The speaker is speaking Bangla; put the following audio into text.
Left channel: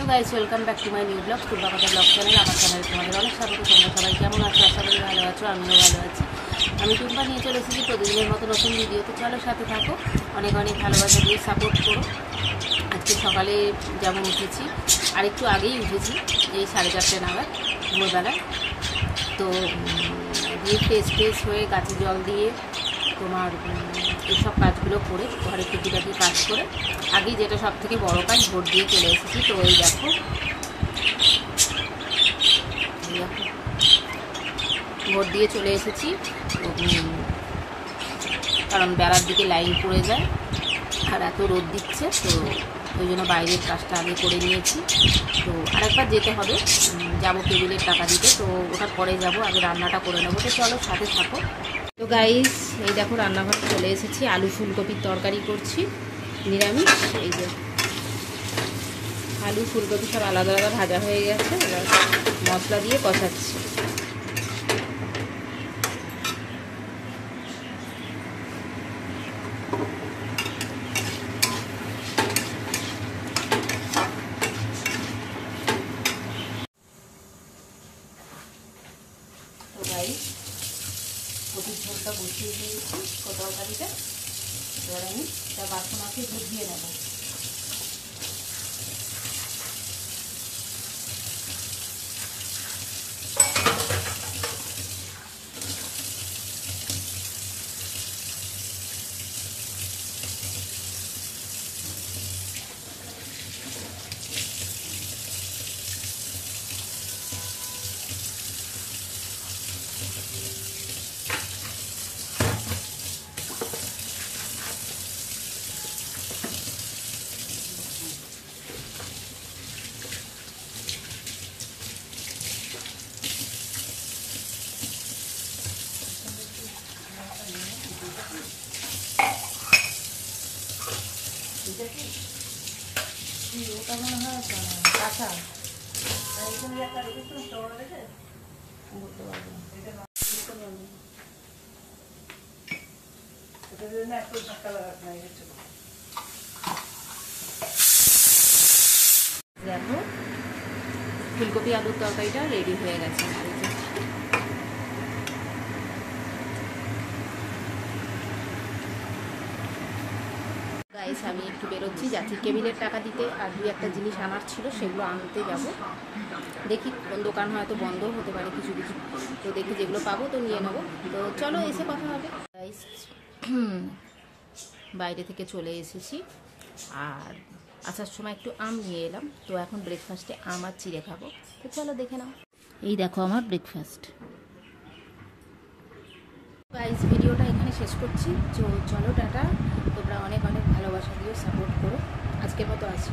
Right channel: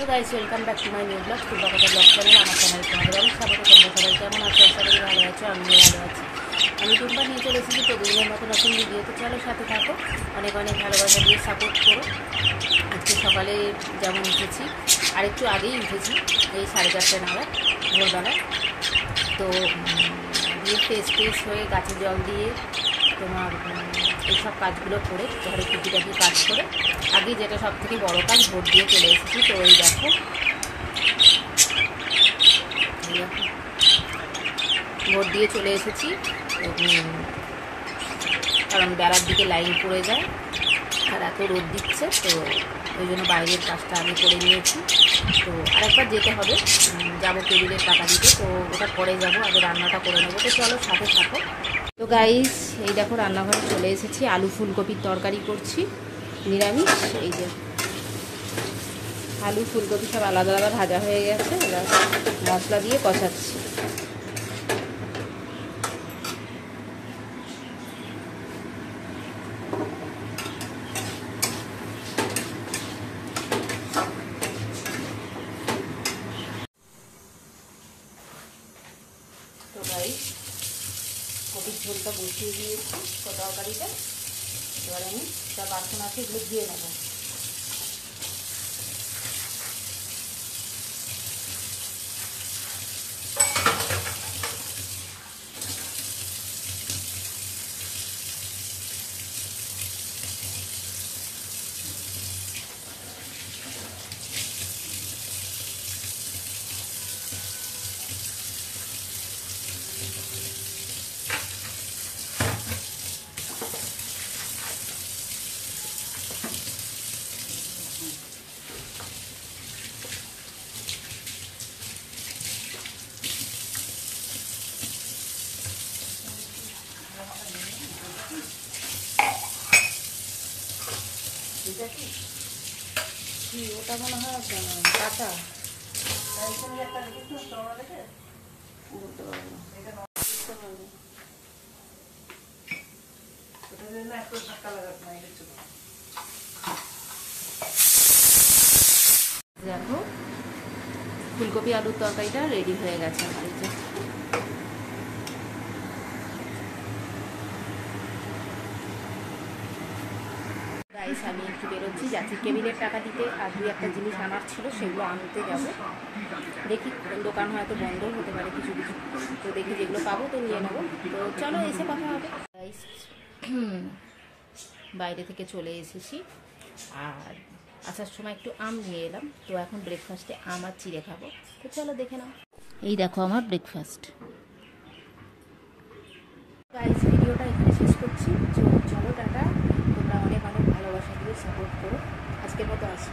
তো guys welcome back to my new blog Tumpa কথা ব্লগ চ্যানেল। আমার চ্যানেলে তোমাদের অনেক স্বাগত। তোমরা সবাই কেমন আছো? আশা করি ভালো আছো, আমিও ভালো আছি। আমি টুম্পা নিয়ে চলে এসেছি প্রতিদিনের মতো নতুন ভিডিও। তো চলো সাথে থাকো, অনেক অনেক ভালোবাসা দিয়ে সাপোর্ট করো। আজকে সকালে যেমন উঠেছি, আর একটু আগেই উঠেছি, এই 4:30 নাগাদ ভোরবেলায়। তো দিয়ে ফ্রেশ হয়ে গাছে জল দিয়ে তোমার এইসব কাজগুলো করে ঘরে টুকিটাকি কাজ করে আগেই যেটা সব থেকে বড় কাজ ভোট দিয়ে চলে এসেছি। তো এই দেখো ভোট দিয়ে চলে এসেছি, কারণ বেলার দিকে লাইন পড়ে যায় আর এত রোদ দিচ্ছে, তো ওই জন্য বাইরের কাজটা আগে করে নিয়েছি। তো আরেকবার যেতে হবে, যাব টেবিলের টাকা দিতে, তো ওটার পরে যাব, আগে রান্নাটা করে নেবো। তো চলো সাথে থাকো। তো গাইস এই দেখো রান্নাঘরে চলে এসেছি, আলু ফুলকপির তরকারি করছি নিরামিষ। এই যে আলু ফুলকপি সব আলাদা আলাদা ভাজা হয়ে গেছে, এবার মশলা দিয়ে কষাচ্ছি। তো গাইস কপির ঝোলটা বসিয়ে দিয়েছি তরকারিটা, এবার আমি একটা বাসন আছে ভিজিয়ে নেব। ওটা মনে হয় কাঁচা, দেখো ফুলকপি আলুর তরকারিটা রেডি হয়ে গেছে। গাইস আমি একটু বেরোচ্ছি, যাচ্ছি টেবিলের টাকা দিতে, আর দুই একটা জিনিস আনার ছিল সেগুলো আনতে যাব। দেখি কোন দোকান হয়তো বন্ধ হতে পারে কিছু কিছু, তো দেখি যেগুলো পাবো তো নিয়ে নেবো। তো চলো এসে কথা হবে। গাইস বাইরে থেকে চলে এসেছি, আর আসার সময় একটু আম নিয়ে এলাম। তো এখন ব্রেকফাস্টে আম আর চিড়ে খাবো, তো চলো দেখে নাও। এই দেখো আমার ব্রেকফাস্ট। গাইস ভিডিওটা এখানে শেষ করছি, চলো টাটা। তোমরা অনেক অনেক ভালোবাসা দিও, সাপোর্ট করো। আজকের মতো আসি।